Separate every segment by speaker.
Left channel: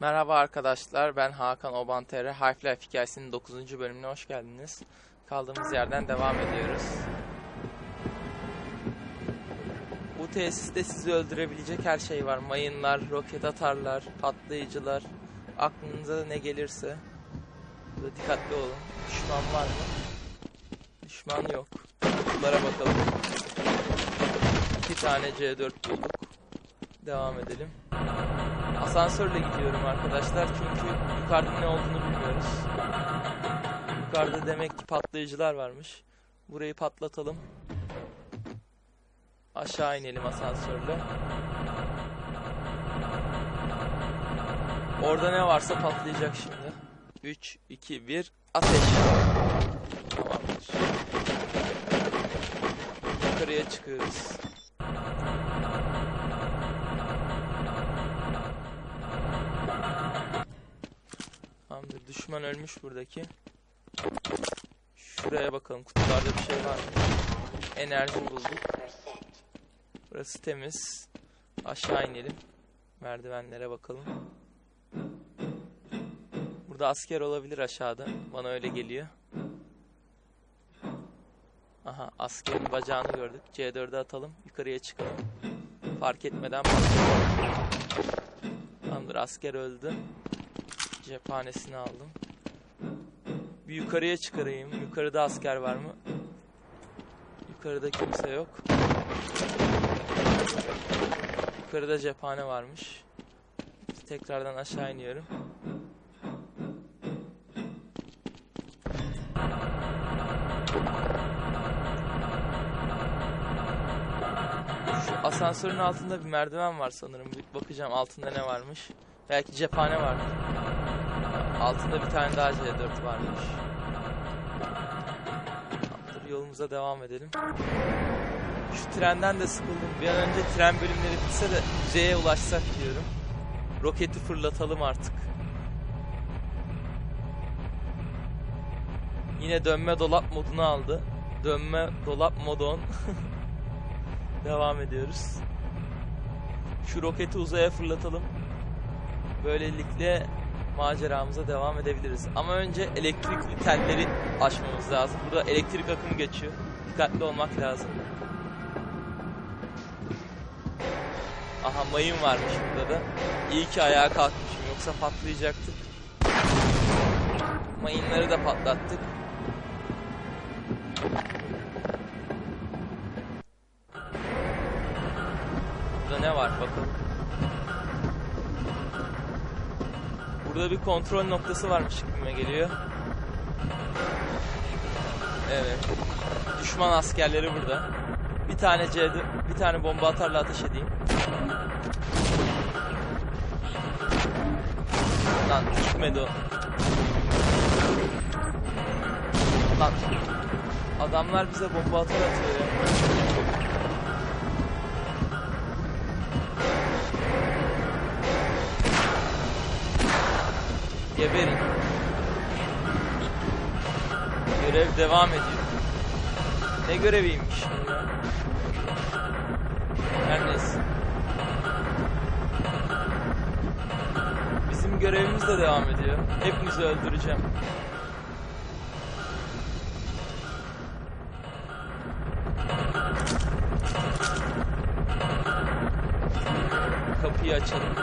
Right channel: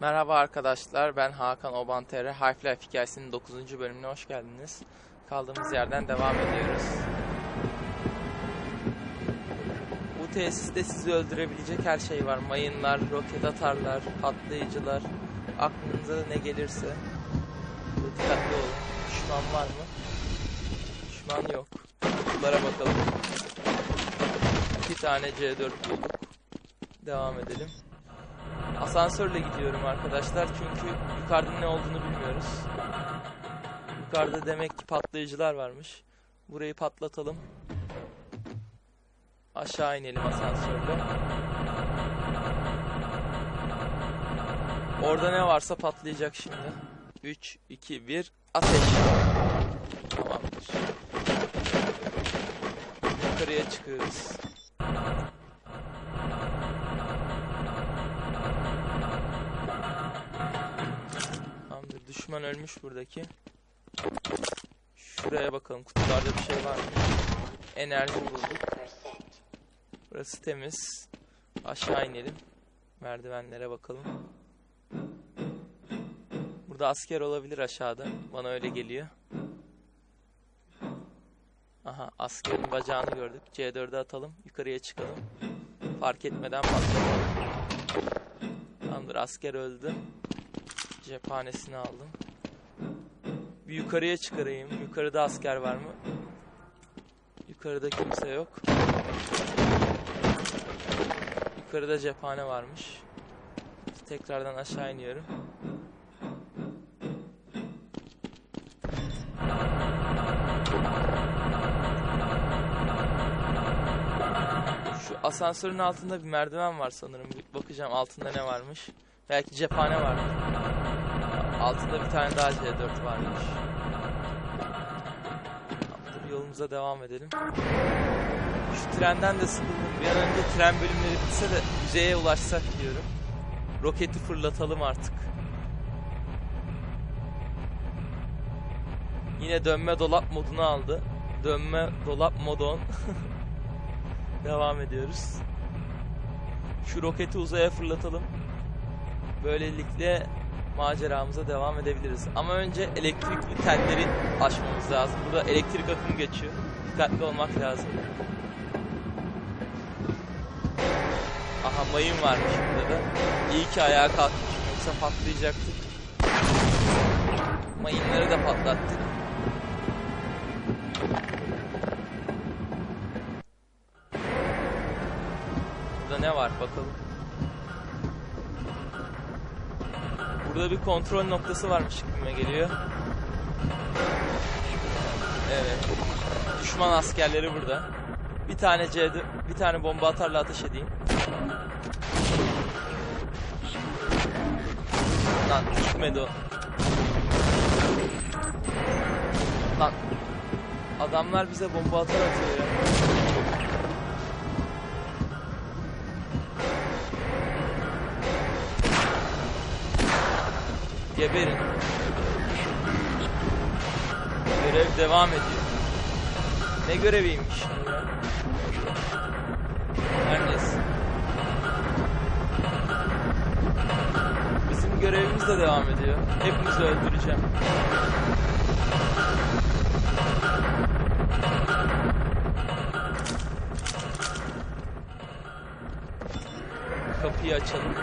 Speaker 1: Merhaba arkadaşlar, ben Hakan Obantere. Half-Life hikayesinin 9. bölümüne hoş geldiniz. Kaldığımız yerden devam ediyoruz. Bu tesiste sizi öldürebilecek her şey var. Mayınlar, roket atarlar, patlayıcılar. Aklınıza ne gelirse. Burada dikkatli olun. Düşman var mı? Düşman yok. Kutulara bakalım. İki tane C4 bulduk. Devam edelim. Asansörle gidiyorum arkadaşlar çünkü yukarıda ne olduğunu bilmiyoruz. Yukarıda demek ki patlayıcılar varmış. Burayı patlatalım. Aşağı inelim asansörle. Orada ne varsa patlayacak şimdi. 3, 2, 1, ateş. Tamamdır. Yukarıya çıkıyoruz. Düşman ölmüş buradaki. Şuraya bakalım. Kutularda bir şey var mı? Enerji bulduk. Burası temiz. Aşağı inelim. Merdivenlere bakalım. Burada asker olabilir aşağıda. Bana öyle geliyor. Aha askerin bacağını gördük. C4'e atalım. Yukarıya çıkalım. Fark etmeden patlatalım. Tamamdır asker öldü. Cephanesini aldım. Bir yukarıya çıkarayım. Yukarıda asker var mı? Yukarıda kimse yok. Yukarıda cephane varmış. Tekrardan aşağı iniyorum. Şu asansörün altında bir merdiven var sanırım. Bir bakacağım altında ne varmış. Belki cephane vardır. Altında bir tane daha C4 varmış. Tamamdır yolumuza devam edelim. Şu trenden de sıkıldım. Bir an önce tren bölümleri bitse de yüzeye ulaşsak diyorum. Roketi fırlatalım artık. Yine dönme dolap modunu aldı. Dönme dolap modon. devam ediyoruz. Şu roketi uzaya fırlatalım. Böylelikle maceramıza devam edebiliriz. Ama önce elektrikli telleri aşmamız lazım. Burada elektrik akımı geçiyor. Dikkatli olmak lazım. Aha mayın varmış burada da. İyi ki ayağa kalkmışım yoksa patlayacaktık. Mayınları da patlattık. Burada ne var bakalım. Burada bir kontrol noktası varmış gibime geliyor. Evet. Düşman askerleri burada. Bir tane C'de bir tane bomba atarla ateş edeyim. Lan gitmedi o. Lan. Adamlar bize bomba atar atıyor ya. Geberin. Görev devam ediyor. Ne göreviymiş? Her neyse. Bizim görevimiz de devam ediyor. Hepinizi öldüreceğim. Kapıyı açalım.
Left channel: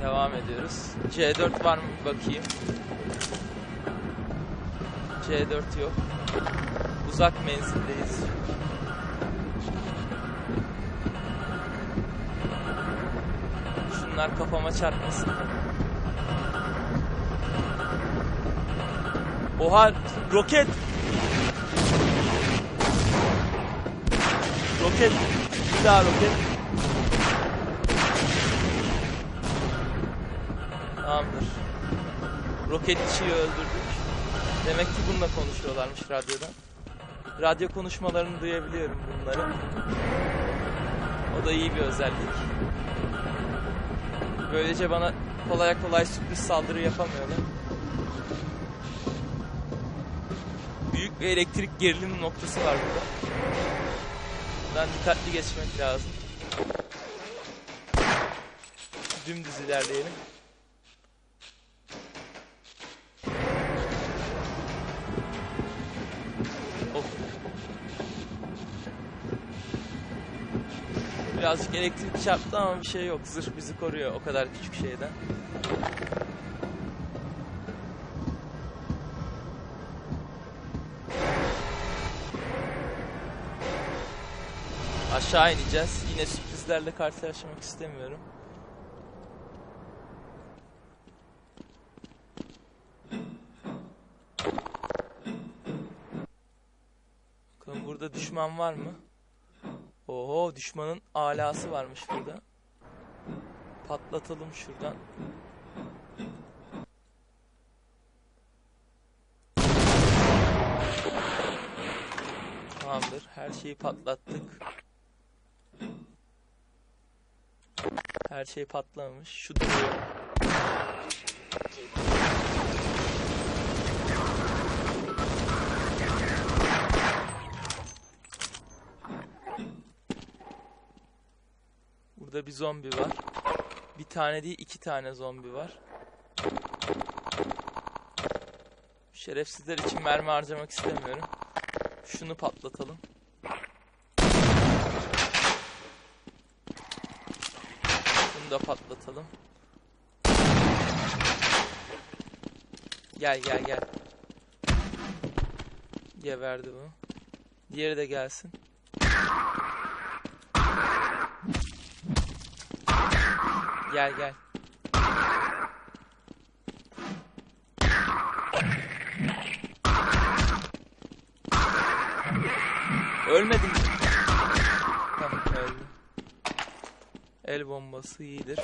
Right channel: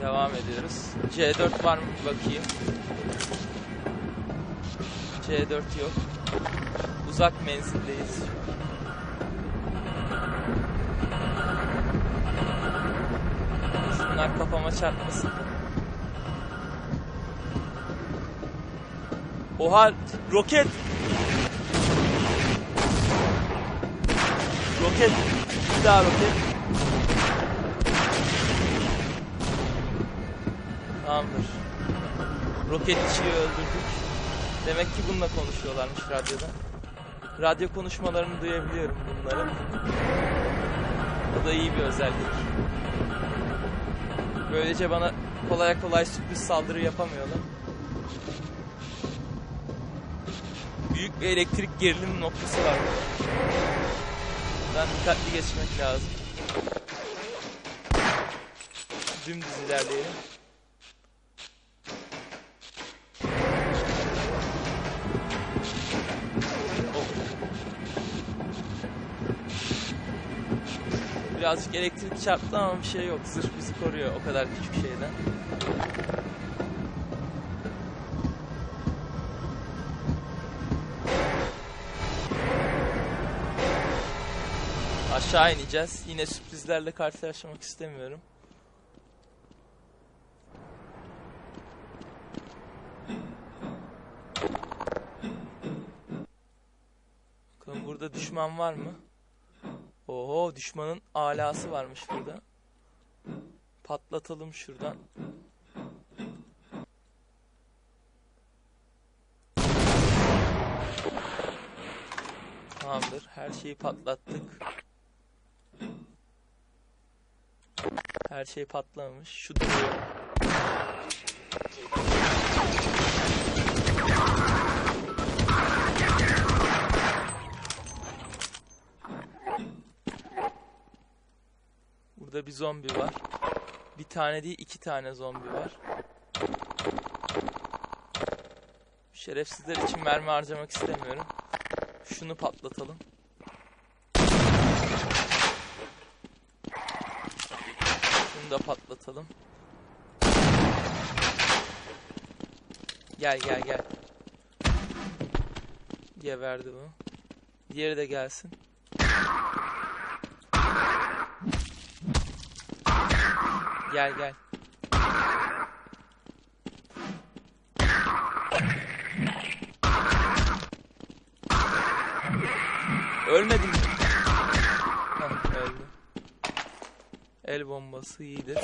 Speaker 1: Devam ediyoruz. C4 var mı bakayım. C4 yok. Uzak menzildeyiz. Şunlar kafama çarpmasın. Oha roket. Roket. Bir daha roket. Tamamdır. Roketçiyi öldürdük. Demek ki bununla konuşuyorlarmış radyoda. Radyo konuşmalarını duyabiliyorum bunları. O da iyi bir özellik. Böylece bana kolay kolay sürpriz saldırı yapamıyorlar. Büyük bir elektrik gerilim noktası var burada. Buradan dikkatli geçmek lazım. Dümdüz ilerleyelim. Of. Birazcık elektrik çarptı ama bir şey yok. Zırh bizi koruyor o kadar küçük şeyden. Aşağı ineceğiz. Yine sürprizlerle karşılaşmak istemiyorum. Bakalım burada düşman var mı? Oho düşmanın alası varmış burada. Patlatalım şuradan. Tamamdır. Her şeyi patlattık. Her şey patlamış. Şu duruyor. Burada bir zombi var. Bir tane değil iki tane zombi var. Şerefsizler için mermi harcamak istemiyorum. Şunu patlatalım. Da patlatalım. Gel gel gel. Geberdi bu. Diğeri de gelsin. Gel gel. Ölmedin mi? Heh, öldü. El bombası iyidir.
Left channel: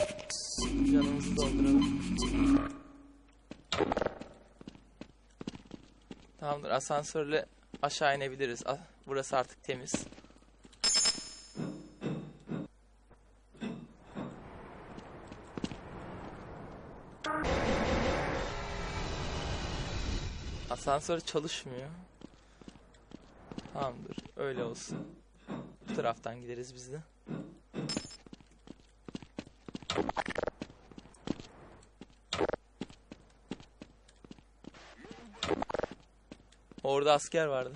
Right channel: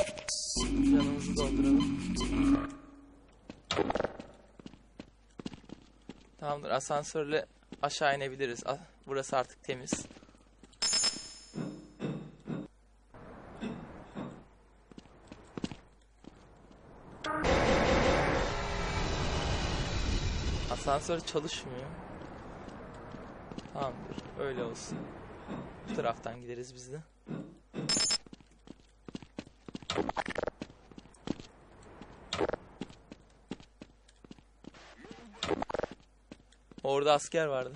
Speaker 1: Canımızı dolduralım. Tamamdır. Asansörle aşağı inebiliriz. A- Burası artık temiz. Asansör çalışmıyor. Tamamdır. Öyle olsun. Bu taraftan gideriz biz de. Orada asker vardı.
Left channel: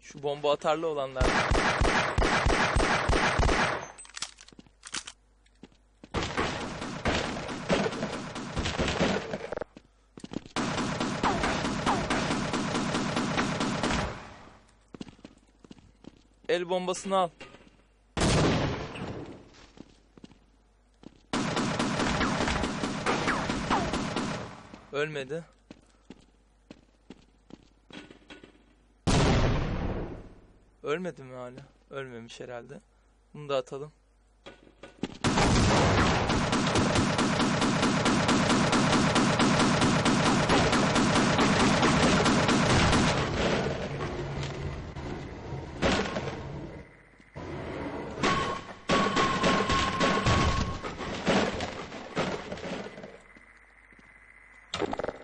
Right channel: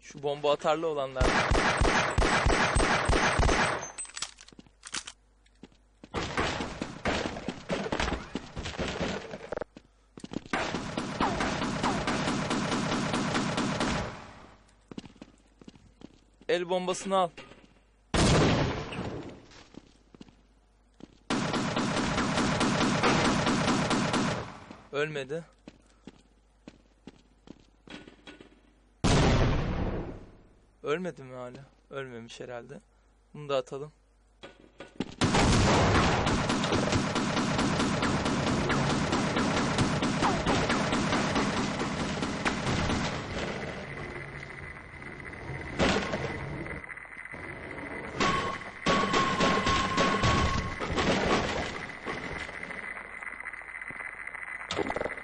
Speaker 1: Şu bomba atarlı olanlar. El bombasını al. Ölmedi. Ölmedi mi hala? Ölmemiş herhalde. Bunu da atalım.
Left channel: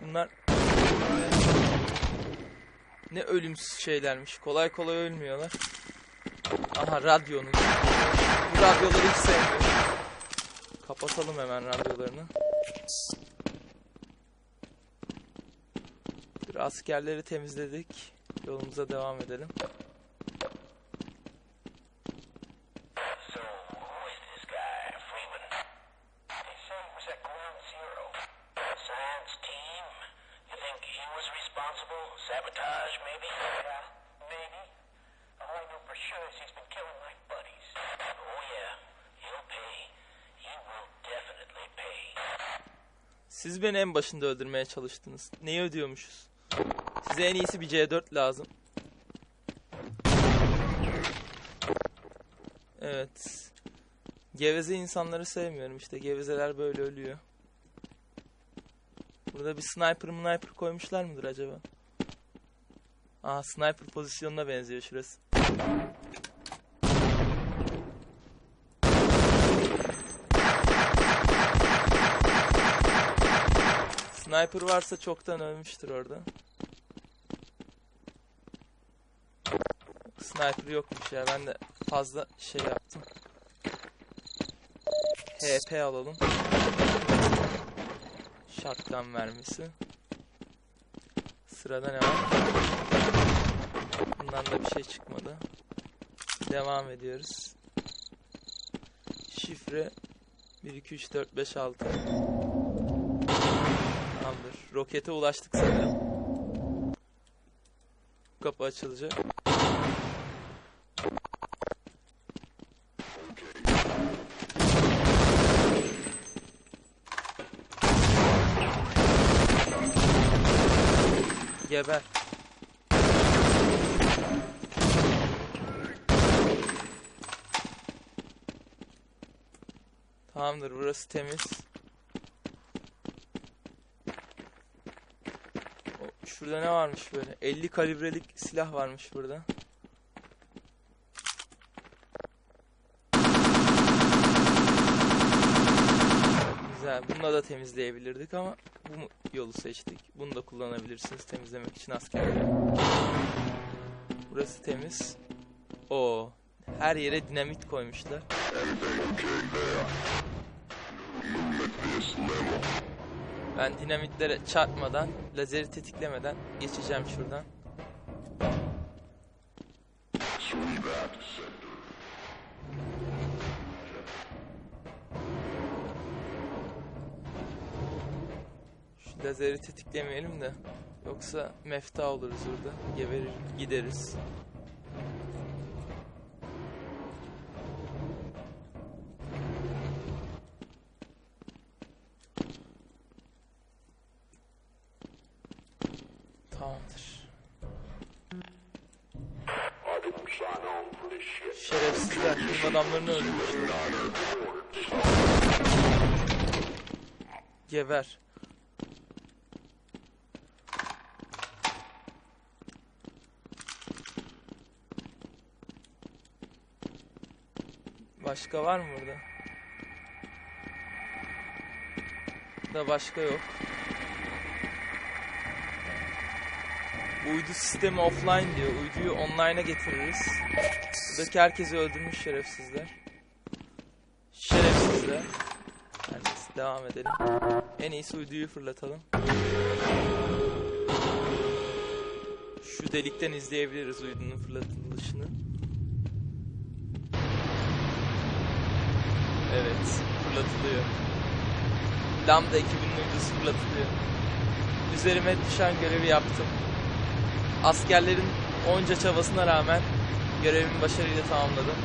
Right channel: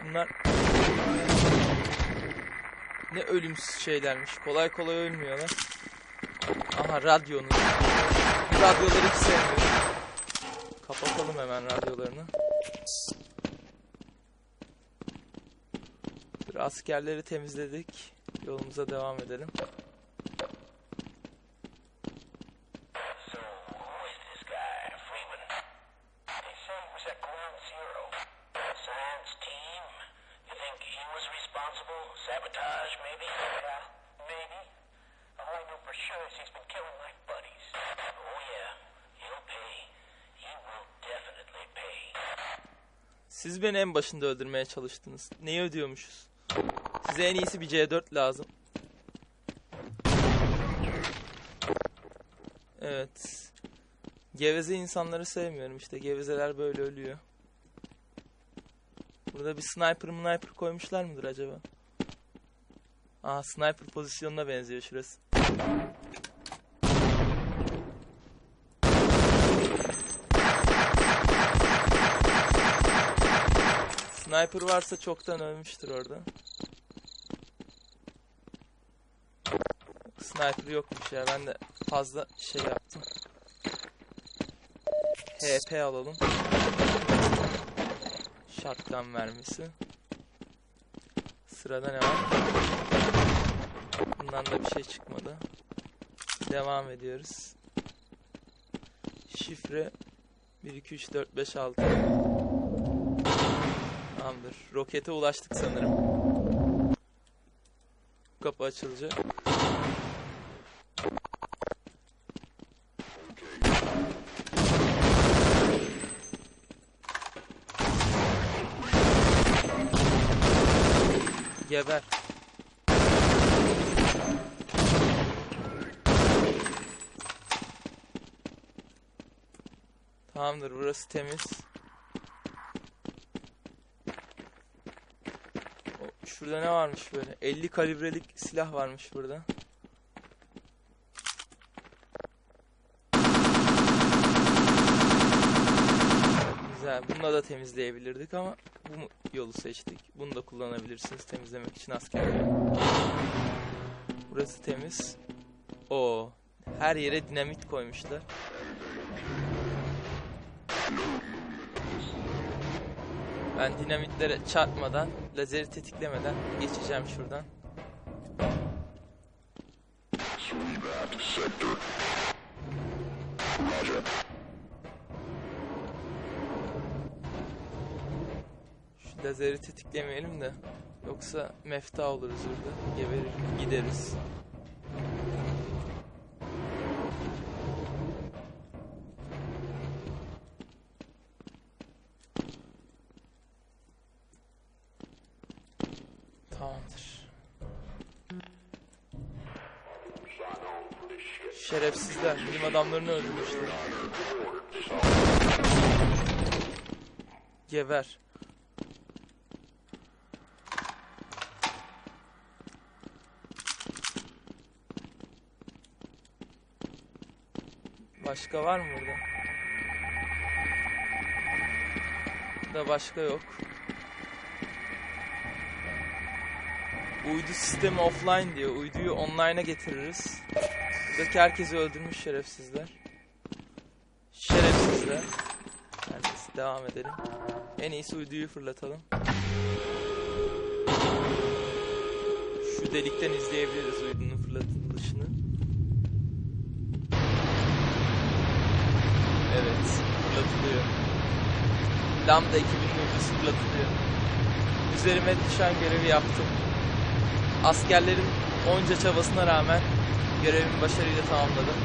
Speaker 1: Bunlar ne ölümsüz şeylermiş. Kolay kolay ölmüyorlar. Aha radyonun. Bu radyoları hiç sevmiyorum. Kapatalım hemen radyolarını. Dur askerleri temizledik. Yolumuza devam edelim. Siz beni en başında öldürmeye çalıştınız. Neyi ödüyormuşuz? Size en iyisi bir C4 lazım. Evet. Geveze insanları sevmiyorum işte. Gevezeler böyle ölüyor. Burada bir sniper sniper koymuşlar mıdır acaba? Aa sniper pozisyonuna benziyor şurası. Sniper varsa çoktan ölmüştür orada. Sniper yokmuş ya. Ben de fazla şey yaptım. HP alalım. Shotgun mermisi. Sırada ne var? Bundan da bir şey çıkmadı. Devam ediyoruz. Şifre 1 2 3 4 5 6. Tamamdır. Rokete ulaştık sanırım. Kapı açılacak. Geber. Tamamdır burası temiz. O, Şurada ne varmış böyle? 50 kalibrelik silah varmış burada. Güzel. Bununla da temizleyebilirdik ama bu yolu seçtik. Bunu da kullanabilirsiniz temizlemek için askerleri. Burası temiz. O her yere dinamit koymuşlar. Ben dinamitlere çarpmadan, lazeri tetiklemeden geçeceğim şuradan. Şu lazeri tetiklemeyelim de yoksa mefta oluruz burada. Geberir gideriz. Tamamdır. Şerefsizler bilim adamlarını öldürmüşler. Geber. Başka var mı burada? Da başka yok. Uydu sistemi offline diyor. Uyduyu online'a getiririz. Buradaki herkesi öldürmüş şerefsizler. Şerefsizler. Her neyse devam edelim. En iyisi uyduyu fırlatalım. Şu delikten izleyebiliriz uydunun fırlatılışını. Evet, fırlatılıyor. Lambda ekibinin uydusu fırlatılıyor. Üzerime düşen görevi yaptım. Askerlerin onca çabasına rağmen görevimi başarıyla tamamladım.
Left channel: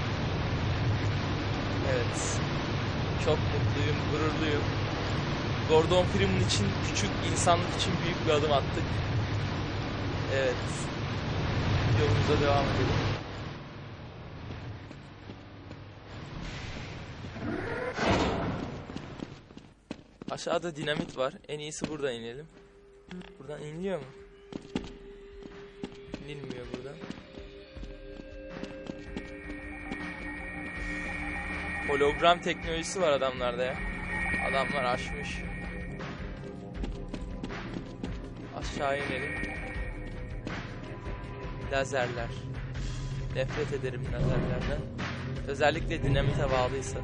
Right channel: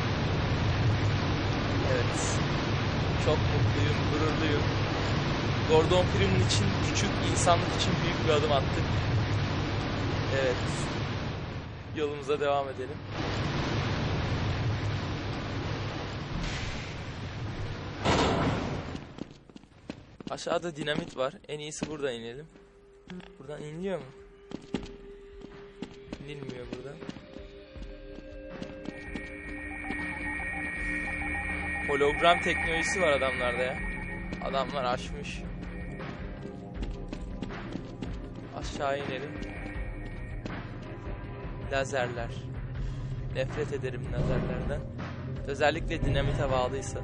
Speaker 1: Evet. Çok mutluyum, gururluyum. Gordon Freeman için küçük, insanlık için büyük bir adım attık. Evet. Yolumuza devam edelim. Aşağıda dinamit var. En iyisi buradan inelim. Buradan iniliyor mu? İnilmiyor buradan. Hologram teknolojisi var adamlarda ya. Adamlar aşmış. Aşağı inelim. Lazerler. Nefret ederim lazerlerden. Özellikle dinamite bağlıysa.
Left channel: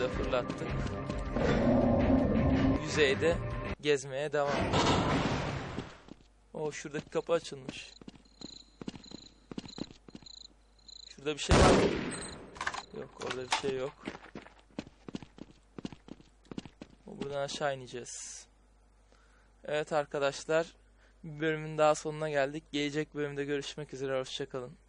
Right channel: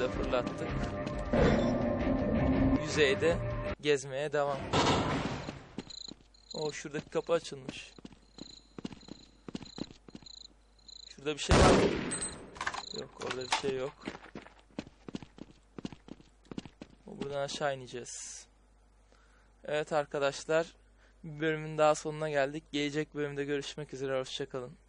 Speaker 1: De fırlattık. Yüzeyde gezmeye devam. O şuradaki kapı açılmış. Şurada bir şey var mı? Yok orada bir şey yok. Buradan aşağı ineceğiz. Evet arkadaşlar. Bir bölümün daha sonuna geldik. Gelecek bölümde görüşmek üzere. Hoşçakalın.